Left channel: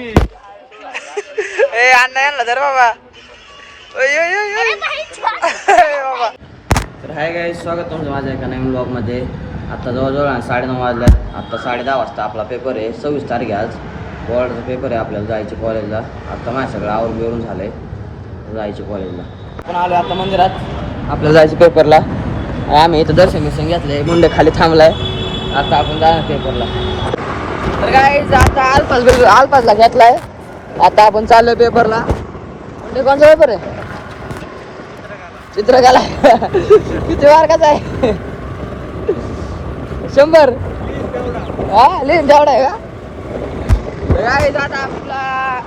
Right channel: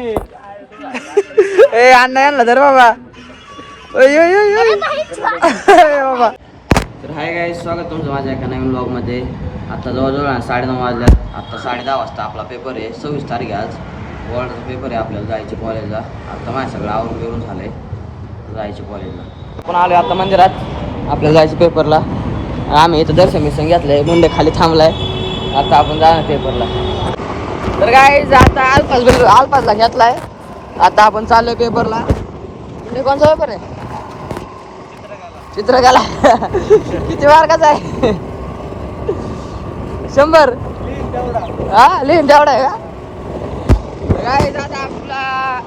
ए अण्णा यांना धर बाबा. बाबा. तर हाय गाईस, स्वागत तुमचं माझ्या एका नवीन ब्लॉगमध्ये. आता जवळजवळ 9:30 वाजल्यात. आता 10:30 वाजता आपला पेपर आहे. 26 तारीख आहे आज. बोर्डाचा पेपर आहे. आपल्याला जायचं कॉलेजला. आता माझ्या सगळं आवरून झालंय, जायचं कॉलेजला. आपण आलो आता मंदिरात, आपल्याला जायचं पेपरला. आम्ही इथं दर्शन मिशन घेतलंय, मुंडे खाली थांबलाय. आता आपण जाणार पेपरला. तर गाईस आता आलपासला घेतलाय. आता आपण चाललोय पेपरला. मुंडे कोणचा पेपर आहे? चित्रकला. किती मार्काचा आहे? 100. हा लिहिन तेवढा आहे का? गाईस आता आपला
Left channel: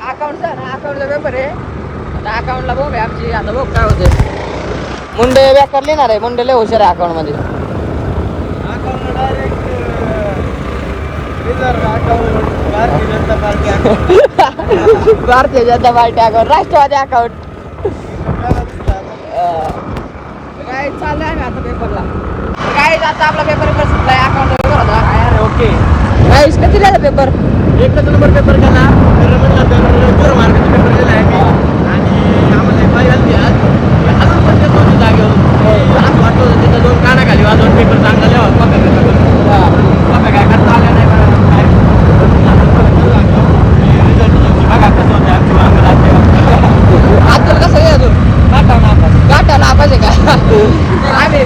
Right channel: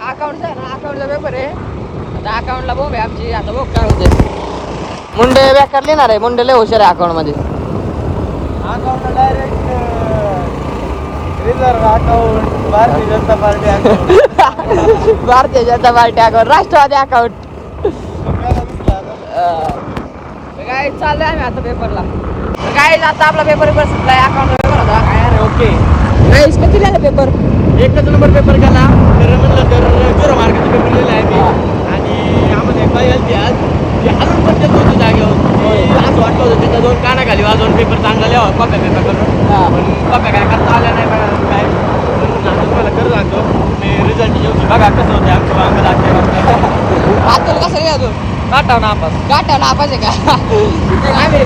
अकाउंटचा आहे ना, अकाउंटचा पेपर आहे. आता अकाउंटला बघू आमची. आता बघ काय होते. मुंडे बेकार लिहिणार आहे. मुंडे लय हुशार आहे अकाउंट मध्ये. Account direct reserve account, Bharatiya Janata party account, Bharatiya Janata party account, Rashtrawadi account. काय चाललंय आम्ही आता पेपरला. काय आता आपला पेपर संपलाय. अकाउंट पेपर होता. ओके. गाईस किती झाला पेपर? 1 नंबर पेपर केला. तर म्हणलं तर 0 मार्काचा पेपर लिहिला आहे मी. आणि आम्हाला एक बाई आली आज, ती हलून पण देत होती जागेवर. असं वाटलं होतं तिथं 2 काना खाली वाजवून पेपर चांगला लिहावा कॉप्या पेपर करून. पण कॉप्या काय करता आल्या नाही काय. पण आता तुम्हाला करू लागतो ते रिझल्ट येऊन बघा कसं होते आमची वांग लागते. आज तुला कसं लिहायचो? काटाव नापास. काटा नापास आहे का? आम्ही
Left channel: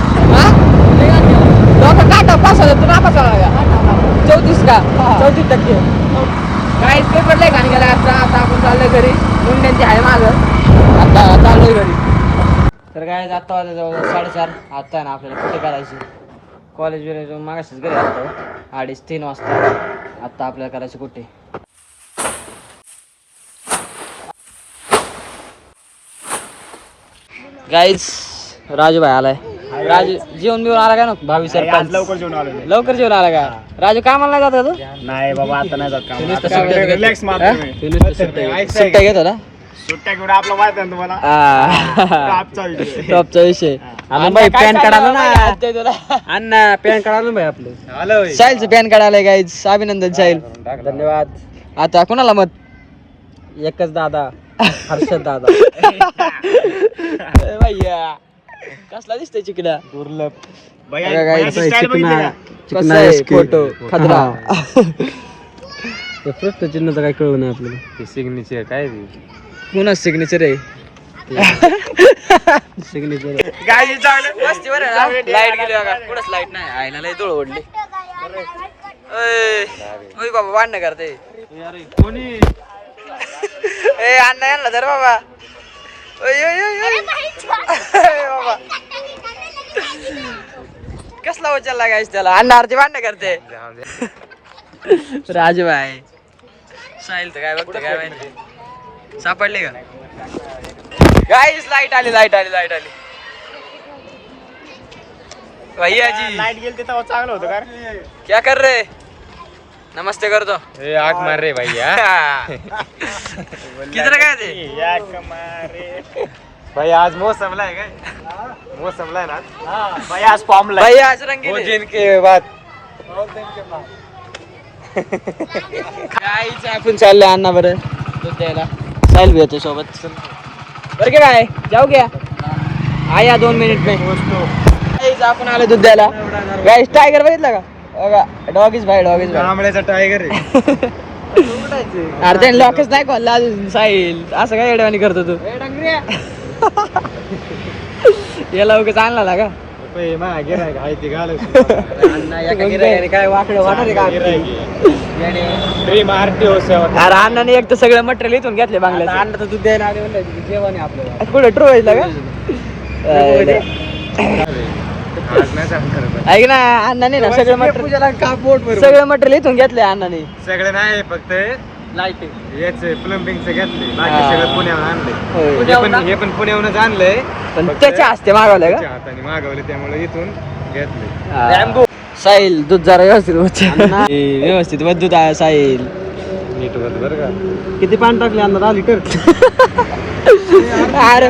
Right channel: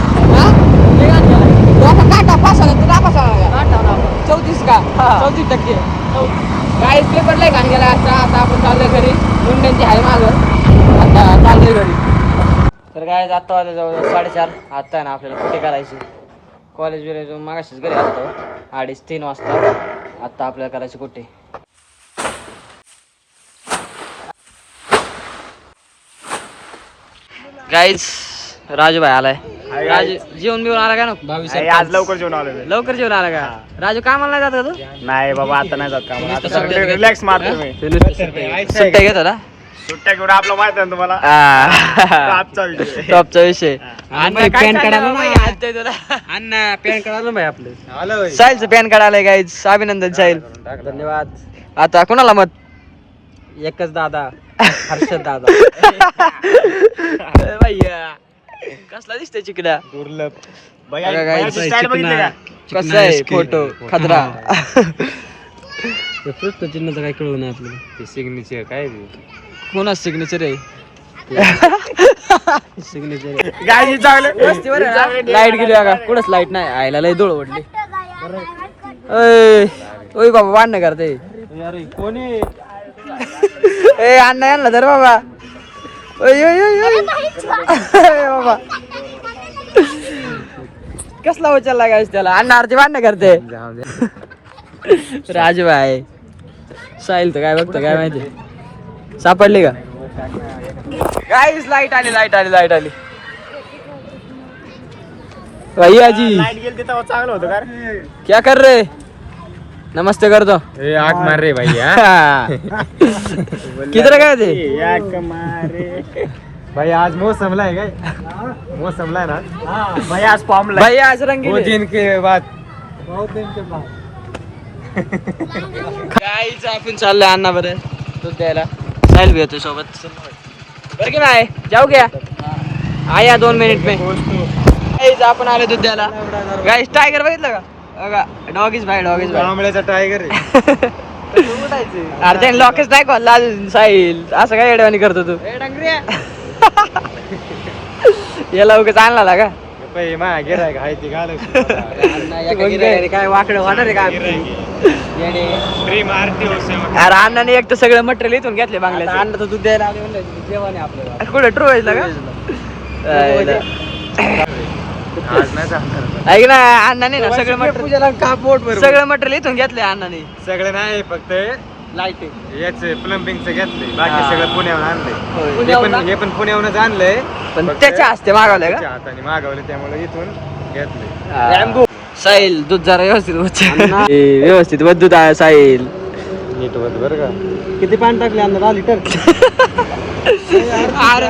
डोका काटा पास होता. तू नापास होणार का? काटाव नापास. 34 का? 34%. काहीच पेपर नाही घाण गेला आजचा. आता आपण चाललोय घरी. मुंड्यांची आहे मागं. आता चाललोय घरी. तर काय आता वाजले जवळ 4:30. आता आहे ना आपल्याला कुठे करायची कॉलेज बिलेज जाऊन मागाशीच घरी आलतो 2:30-3 वाजता. आता आपल्याला करायची कुठे. गाईज राजू भाई आलाय. राजू जेवण बिवून आला का ना? 22 आज लवकर जेवण आलो. लवकर जेवण आला का? राजू कामाला नाही जात का तू? नाही बाबा, आता नाही जात काम. रिलॅक्स मारतो मी. सुट्ट्या घेतो ना? सुट्ट्या घेऊन आपलं माहित आहे ना तुम्हाला. टॉपचा विषय. टॉपचा विषय. अण्णा पॅन कार्ड आलं ना. अण्णा पॅन कार्ड आलं भाई आपलं. आलो. साहिलचं पॅन कार्ड आलंय गाईज. अभिनंदन साहिल. धन्यवाद. आता कोणाला मत? एकच दादा, हर्षद दादा. भैया कसला दिसतोय चिकड्या? दुर्लभ. कसा आहे फोटो खतरा. प्रश्न चिन्हाचं काय कळलं नाही आपल्याला. ते सिग्नेचर काय कोणा सिग्नेचर आहे? सिग्नेचर वस्तीवर लाईट गेली बघा. कुठंच लाईट नाही. आईला लय धूळ ओढली. ओय बाबा भांडणं करते. कोणी ए अण्णा यांना धर बाबा. बाबा कसला उचलला गायस त्याला. अण्णा आरती भांडणं करते. राजू भाई साहिल तर काय बघतं काय माहिती. सापडली का गाईस? लाईट आली लाईट आली लाईट आली. भैया जी क्या कर रहे? नमस्ते कर दो. आग मार रे भैया. किधर गए थे? भाई आज मौसम ला है काय? मौसम ला है ना भाई. आज फॉर्म ला. भैया आज रंगीले. दिन के बाद. बहुत दिन के बाद. काहीच आपण चाललोय अण्णा बरं दूध द्यायला. साहिल भी होतो सोबत. बरं की बाय जाऊ क्या? आया 2 मिनिट में. गाईज आपण आलो दूध द्यायला. गाईज टायगर बघितलं का? बघा डॉगीज भाई डॉगीज भाई. आंबळ्याचा टायगर आहे. अरे त्याने लॉकेच नाही खोलला अजून. साहिल असं काय एडवाणी करतो तू? याला उगाच आणला का? काय वाकडं होणार का? ड्रीम आरटीओ सेवा. अरे अण्णाने एक तर सगळं मटेरियल इथून घेतले बांगल्याचं. अन्न तर दूध द्यायला आले म्हणलं जेवण आहे आपल्याला. कुठे ट्रोवेजला का? ऐक ना अण्णाने ना सगळं मटेरियल सगळं मटेरियल इथून घेतलंय अण्णाने. सगळे नाही फक्त लाईट याच प्लंबिंगचं घेतले. बाकी सगळं पुण्याहून आणलं. हे पण पुण्याहूनच आणलंय. पण त्याच्या हस्ते मागवलंय का? हाताने मागवले त्यामुळे इथून घेतले. साहिल दूध जरा व्यवस्थित व्यवस्थित दूध आहे साहिल. नीट होत बरं का. किती पाणी टाकले अंदर आली कर. अरे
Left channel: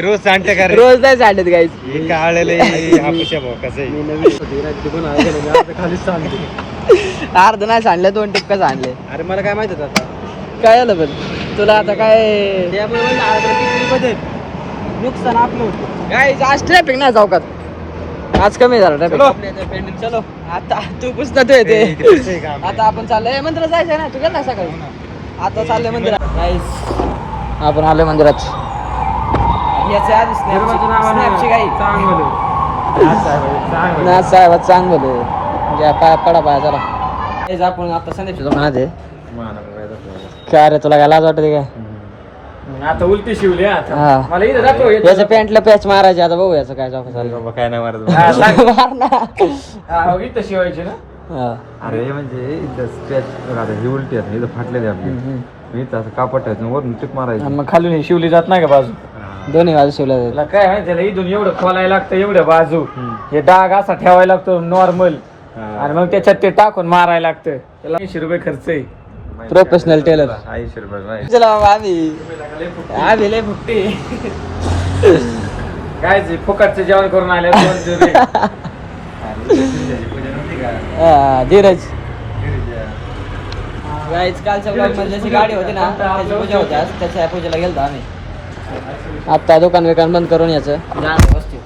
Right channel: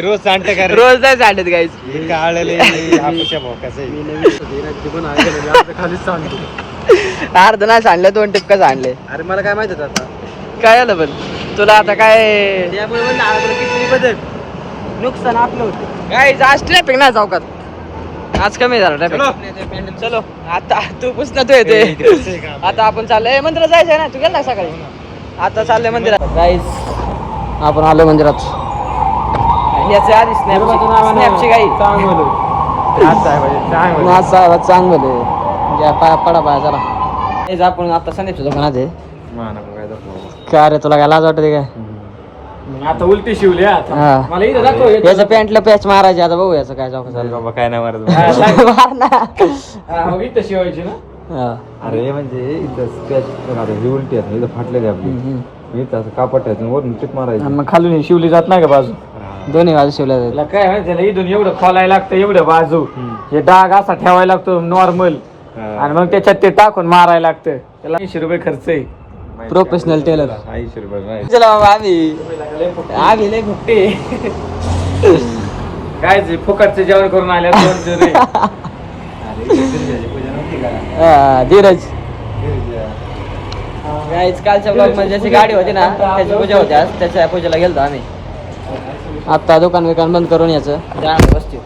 रोज सांगते का रोज नाही सांडत गाईच. खालीच सांगते. अर्ध नाही सांडले 2 टिपका सांडले. अरे मला काय माहित होतं आता काय आलं पण तुला आता काय त्यामुळे म्हणलं आपण किती बदल नुकसान आपलं होतं गाईज. आज ट्रॅफिक नाही चौकात. आज कमी झाला ट्रॅफिक. चलो आता तू पुसता तू येते. आता आपण चाललोय मंदिरात जायचंय ना. तू गेला ना सकाळी. आता चाललोय मंदिरात गाईज. आपण आलोय मंदिरात. याच्या आधी स्नॅपची गाई ना साहेब चांगलं घ्या पाया पडा पाया चला. गाईज आपण आता संदीपच्या दुकानात आहे. काय रे तुला काय लाज वाटते काय. आता उलटी शिवली हा. मला इथं दाखव याच्या पॅन्टला पॅच मारायची. आता बघू याचं काय चौका चालू. बाबा काय नाही मारत मार ना. इथं शिवायची ना. हा. अरे म्हणजे इथं स्क्रॅच ही उलटी आहे इथं फाटलेली आपली इथं असं कापड ठेवायचं वरून टिप मारायची मग खालून शिवली जात नाही का बाजू. दोन्ही बाजू शिवल्या जाईल. त्याला काय माहिती त्याला इथून एवढं खोलायला लागतं एवढं बाजू. हे डाग असा ठेवायला लागतो नॉर्मल आणि मग त्याच्यात ते टाकून मारायला लागतं. त्याला 80 रुपये खर्च आहे. Professional teller. 80 रुपये माहिती. चला बाबा आम्ही लय फुकटे. काय जे फुकटचं जेवण करून आल्या धीरज गाईच कालच्या ब्लॉग मध्ये जशी गाडी होती ना त्याची पूजा होती आज. त्याच्या पूजेला गेलतो आम्ही. आता दुकान बिकान बंद करून याचं जा वस्तू